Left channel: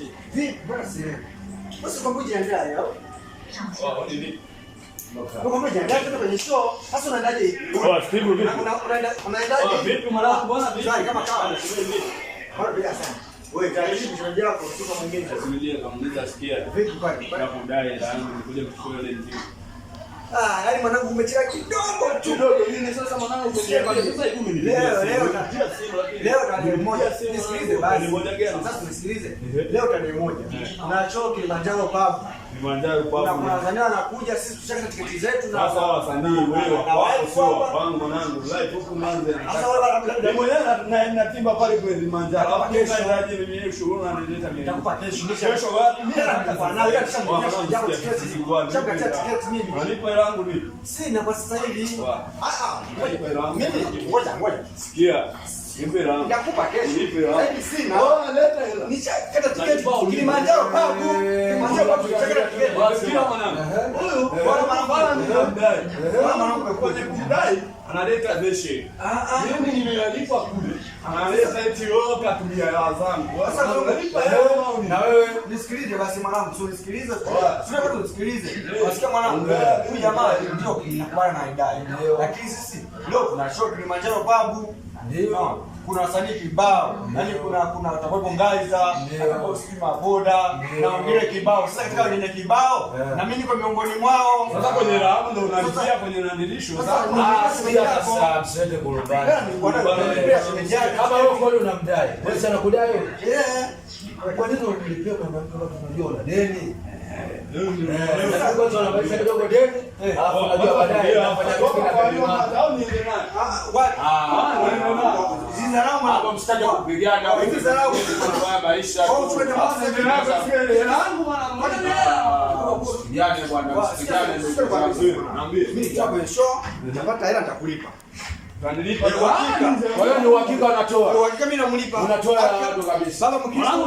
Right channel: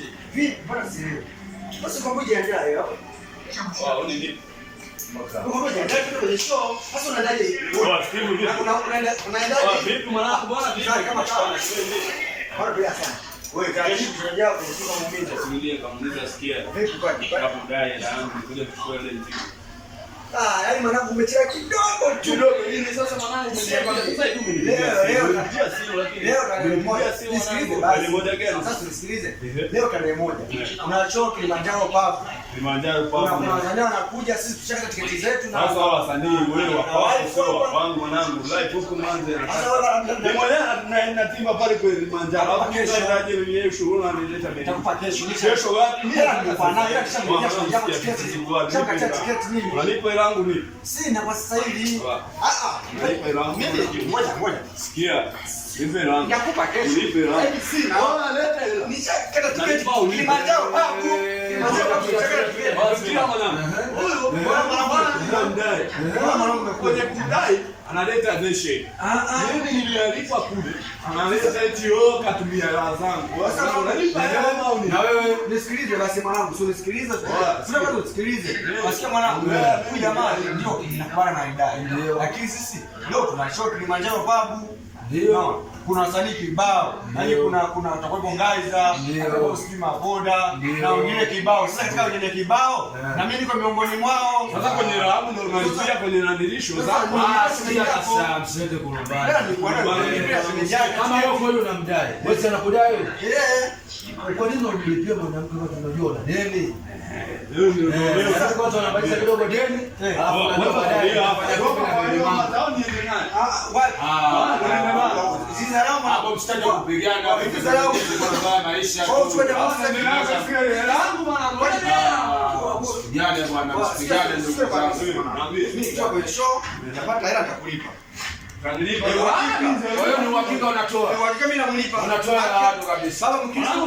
Vipi bwana sisi? Basi kwa ngoja ndio hayo. Wao ni vipi? Kwa ngoja ndio kwenye show. Sasa unaendaje? Steve vipi? Unaendaje? Vipi mwanangu bwana vipi? Kama kawa. Bora bila sana. Wewe karibu tunajua kwa muumini. Simulie kamuuliza sikia. Vipi kwani? Kwa kudai hela yangu nikuja kuchukua ile nzima. Yaani mwanangu umechelewa kidogo tu. Kidogo nini sasa mwanangu umechelewa sasa hivi mimi. Leo simu lakini. Leo tarehe moja. Nisikilize basi. Moja gani? Sasa tusikilize. Leo tarehe moja. Kuna show Kilimanjaro Pub. Kilimanjaro Pub. Kuna wasanii wanakuja, sisi tushakata tiketi zetu na sasa hao wasanii wewe wako wangu mwanangu live huko Mwanza na sasa labda mmoja na timba pale kwa Kilimanjaro. Hapo kesho ndio mwenyewe shughuli anileta mimi. nitakupa kesho. Kesho wapi? Mimi nitakupa nayo ila kisha tiketi. Shakata tiketi mimi. Walipo hela yangu ni sina kwa sasa hivi. Walipo hela yangu. Mimi ngoja. Sikia. Nipe hela yangu. Nitakupa kesho. Nipe hela yangu. Sina. Leta hela. Nishakata tiketi Kilimanjaro Pub. Kilimanjaro Pub tushakata tiketi. Wasikia mwanangu. Huyu bwana Anadai. mwanangu Kwenye kumdai analeta deshe. Mimi nilialipa kule. Analeta eti wewe katumia hela zangu. Sasa unalipa hela au ni? Na wewe nisikilize basi mwanangu, sio nisikilize. Sina bado nisikilize. Wasikia mwanangu, huyu jamaa ndio kinakubana na idai. Lakini sisi leo tuna show Kilimanjaro Pub. Ndio. Kuna wasanii kibao. Yaani kuna utakuwepo Ngaiza, utakuwepo Stima Boda na wengine kibao. Sasa katika wengine kibao na mimi niko miongoni mwao. Sasa kwenye rahabu ndio unaanzia kwenye nadilisho. Sasa msiende kurumbana. Yaani kwa nini Kama wewe kwa hiyo unamdai. Wewe anakudai wewe? Kwa nini unamlipia mwanamke kama tunajua una deni? Sasa kwa sababu anabadilisha kidogo deni, alafu unajua baadaye anafanya roho kwa hiyo hata niende naye. Zinalama hapo mstari wa kupigana au hivi zarau kwa maisha. Au tuende mwanzo Ndio yangu bwana. Vijana bwana msipigane ndugu zangu. Naambie. mimi nitakuwa kwenye show, nitapata hela nitakulipa. Kwa hiyo ni uhakika unatoa. Hakika mimi namlipa. Unatoa hela watu kabisa. Baba mkristo